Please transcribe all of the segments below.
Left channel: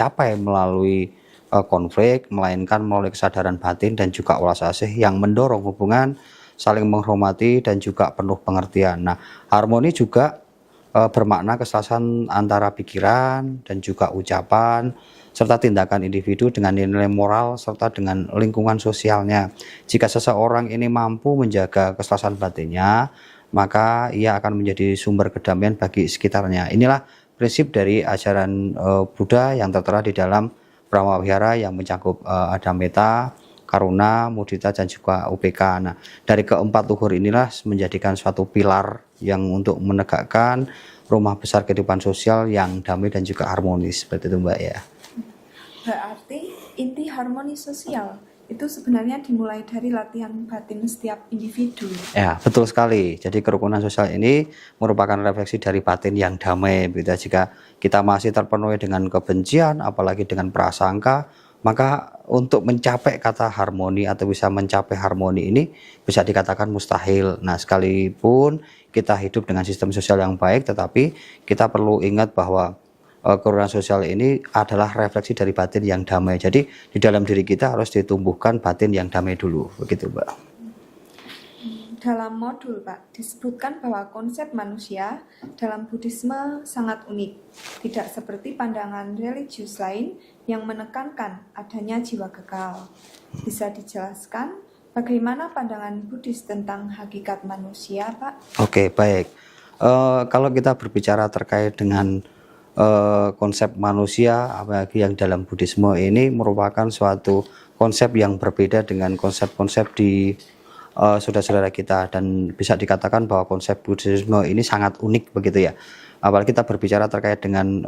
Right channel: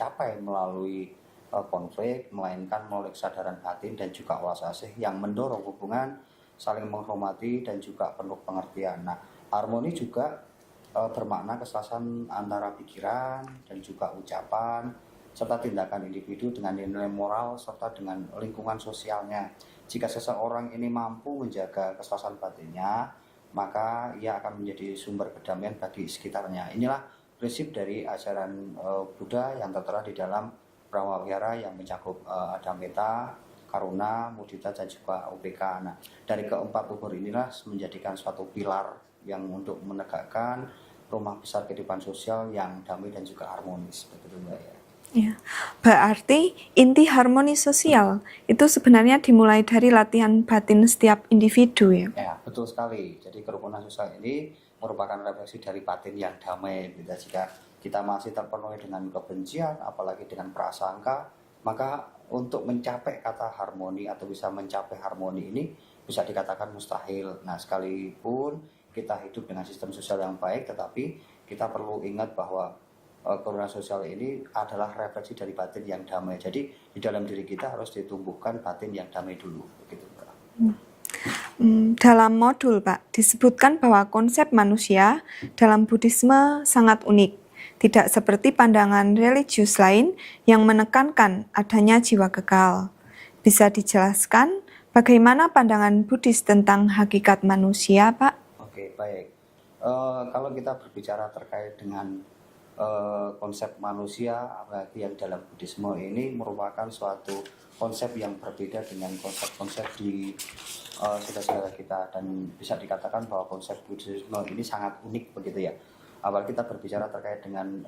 capai melalui konflik, melainkan melalui kesadaran batin dan juga welas asih yang mendorong hubungan saling menghormati dan juga penuh pengertian. Nah, harmoni juga bermakna keselasan antara pikiran dan juga ucapan serta tindakan individu dengan nilai moral serta dengan lingkungan sosialnya. Jika seseorang ini mampu menjaga keselasan batinnya, maka ia akan menjadi sumber kedamaian bagi sekitarnya. Inilah prinsip dari ajaran Buddha yang tertera di dalam Brahmavihara yang mencakup ada metta, karuna, mudita dan juga UPK. Nah, dari keempat luhur inilah menjadikan suatu pilar yang untuk menegakkan rumah besar kehidupan sosial yang damai dan juga harmonis, seperti itu Mbak ya. Ya, berarti inti harmoni sosial itu sebenarnya dimulai dari latihan batin setiap individu ya? Ya, betul sekali. Jadi kerukunan sosial ini merupakan refleksi dari batin yang damai. Begitu. Jika kita masih terpenuhi dengan kebencian, apalagi dengan prasangka, maka untuk mencapai kata harmoni atau bisa mencapai harmoni ini bisa dikatakan mustahil. Nah, sekalipun kita hidup dengan sistem sosial yang baik, tetapi kita perlu ingat bahwa kerukunan sosial ini adalah refleksi dari batin yang damai. Jadi di dalam diri kita harus ditumbuhkan batin yang damai dulu, begitu Mbak. Dalam modul Pak, disebutkan bahwa konsep manusia dalam Buddhisme sangat unik. Tidak seperti pandangan religius lain yang menekankan adanya jiwa kekal. Bisa dijelaskan bagaimana pandangan Buddhis tentang hakikat manusia, Pak? Oke, baik. Kalau kita berbicara terkait dengan konsep manusia, apalagi yang dalam Buddhisme ini merupakan suatu konsep yang berbeda dengan konsep-konsep di saudara-saudara kita, dan bisa dikatakan bahwa konsep Buddhisme ini sangat unik begitu ya. Apalagi kita berbicara terkait dengan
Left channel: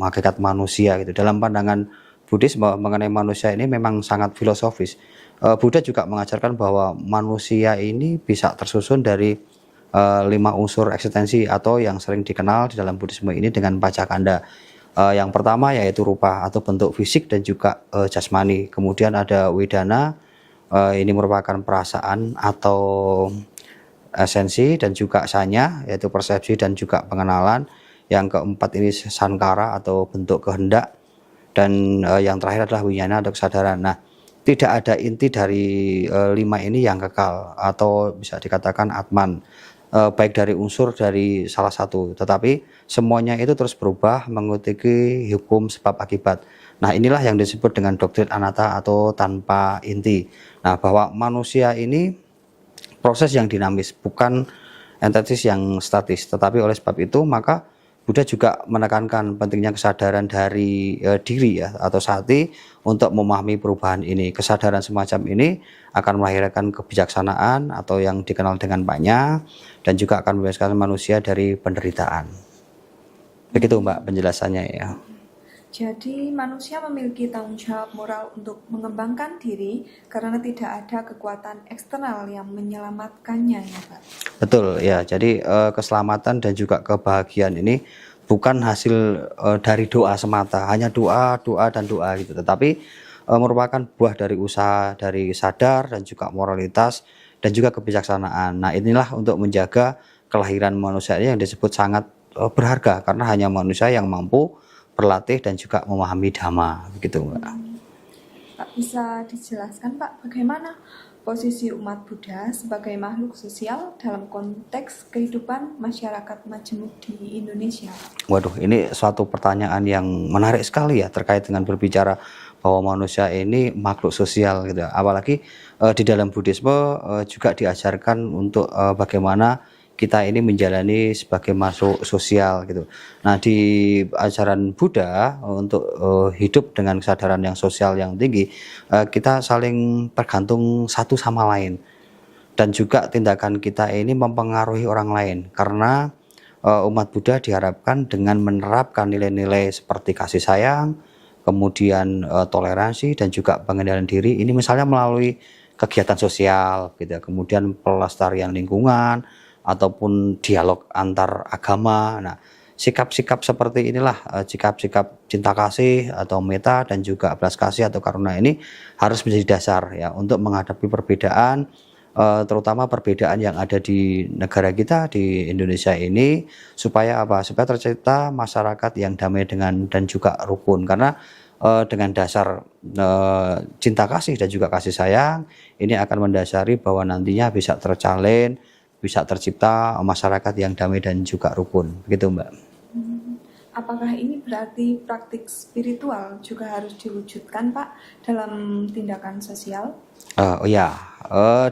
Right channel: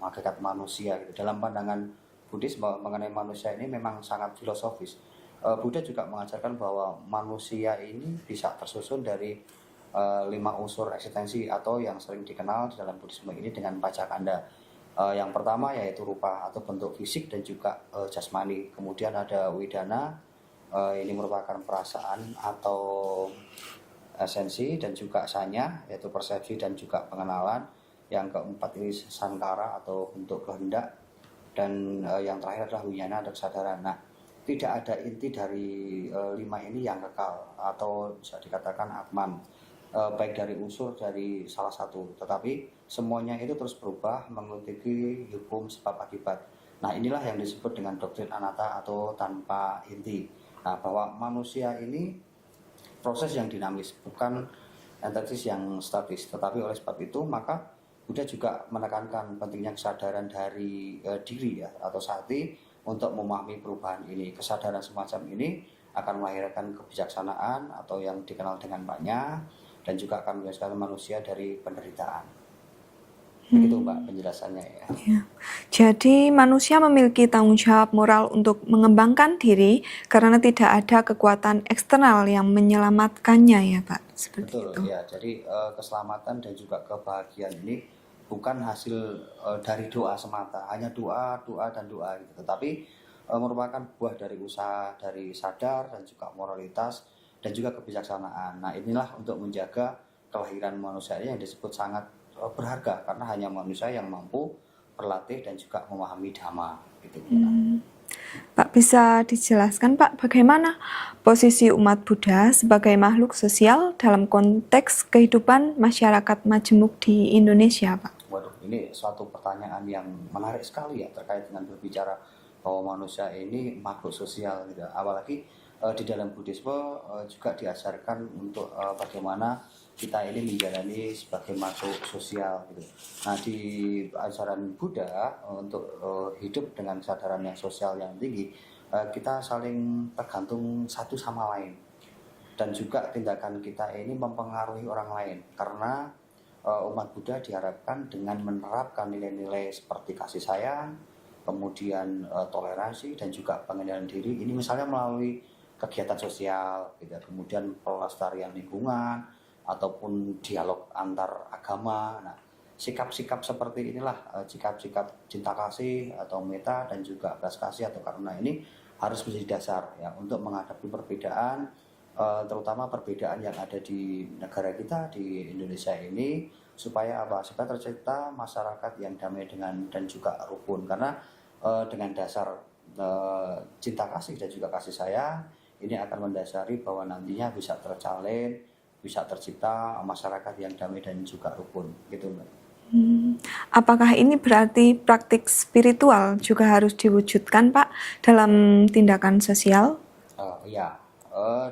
hakikat manusia gitu. Dalam pandangan Buddhis mengenai manusia ini memang sangat filosofis. Buddha juga mengajarkan bahwa manusia ini bisa tersusun dari 5 unsur eksistensi atau yang sering dikenal di dalam Buddhisme ini dengan pacakanda. Yang pertama yaitu rupa atau bentuk fisik dan juga jasmani. Kemudian ada wedana, ini merupakan perasaan atau esensi, dan juga sanya yaitu persepsi dan juga pengenalan. Yang keempat ini sankara atau bentuk kehendak, dan yang terakhir adalah winyana atau kesadaran. Nah, tidak ada inti dari 5 ini yang kekal atau bisa dikatakan atman, baik dari unsur dari salah satu, tetapi semuanya itu terus berubah mengikuti hukum sebab akibat. Nah, inilah yang disebut dengan doktrin anatta atau tanpa inti. Nah, bahwa manusia ini proses yang dinamis, bukan entitas yang statis. Tetapi oleh sebab itu maka Buddha juga menekankan pentingnya kesadaran dari diri ya atau sati untuk memahami perubahan ini. Kesadaran semacam ini akan melahirkan kebijaksanaan atau yang dikenal dengan panya, dan juga akan membebaskan manusia dari penderitaan. Begitu Mbak penjelasannya ya. Jadi manusia memiliki tanggung jawab moral untuk mengembangkan diri karena tidak ada kekuatan eksternal yang menyelamatkannya ya Pak. Betul ya. Jadi keselamatan dan juga kebahagiaan ini bukan hasil dari doa semata, hanya doa dan doa gitu. Tetapi merupakan buah dari usaha, dari sadar dan juga moralitas dan juga kebijaksanaan. Nah, inilah untuk menjaga kelahiran manusia ini yang disebut sangat berharga, karena hanya manusia yang mampu berlatih dan juga memahami dhamma, begitu Mbak. Pak, bisa dijelaskan Pak bagaimana posisi umat Buddha sebagai makhluk sosial dalam konteks kehidupan masyarakat majemuk di Indonesia Pak? Waduh, ini suatu pertanyaan yang menarik sekali ya terkait dengan berbicara bahwa manusia ini makhluk sosial gitu. Apalagi di dalam Buddhisme juga diajarkan untuk bagaimana kita ini menjalani sebagai makhluk sosial gitu. Nah, di ajaran Buddha untuk hidup dengan kesadaran yang sosial yang tinggi, kita saling tergantung satu sama lain, dan juga tindakan kita ini mempengaruhi orang lain, karena umat Buddha diharapkan dengan menerapkan nilai-nilai seperti kasih sayang, kemudian toleransi dan juga pengendalian diri ini misalnya melalui kegiatan sosial gitu, kemudian pelestarian lingkungan ataupun dialog antar agama. Nah, sikap-sikap seperti inilah, sikap-sikap cinta kasih atau metta dan juga belas kasih atau karuna ini harus menjadi dasar ya untuk menghadapi perbedaan terutama perbedaan yang ada di negara kita di Indonesia ini supaya apa? Supaya tercipta masyarakat yang damai dan juga rukun karena dengan dasar cinta kasih dan juga kasih sayang ini akan mendasari bahwa nantinya bisa terjalin, bisa tercipta masyarakat yang damai dan juga rukun, begitu Mbak. Apakah ini berarti praktik spiritual juga harus diwujudkan, Pak, dalam tindakan sosial? Oh ya,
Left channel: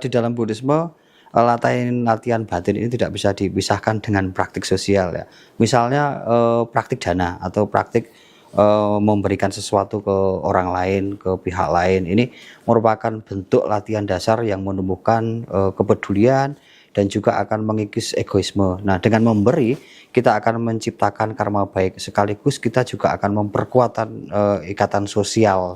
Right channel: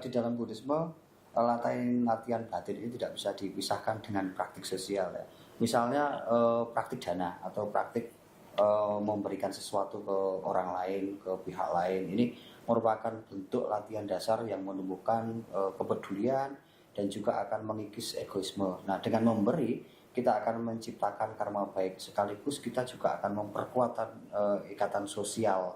di dalam Buddhisme latihan batin ini tidak bisa dipisahkan dengan praktik sosial ya. Misalnya praktik dana atau praktik memberikan sesuatu ke orang lain, ke pihak lain. Ini merupakan bentuk latihan dasar yang menumbuhkan kepedulian dan juga akan mengikis egoisme. Nah, dengan memberi kita akan menciptakan karma baik sekaligus kita juga akan memperkuat ikatan sosial.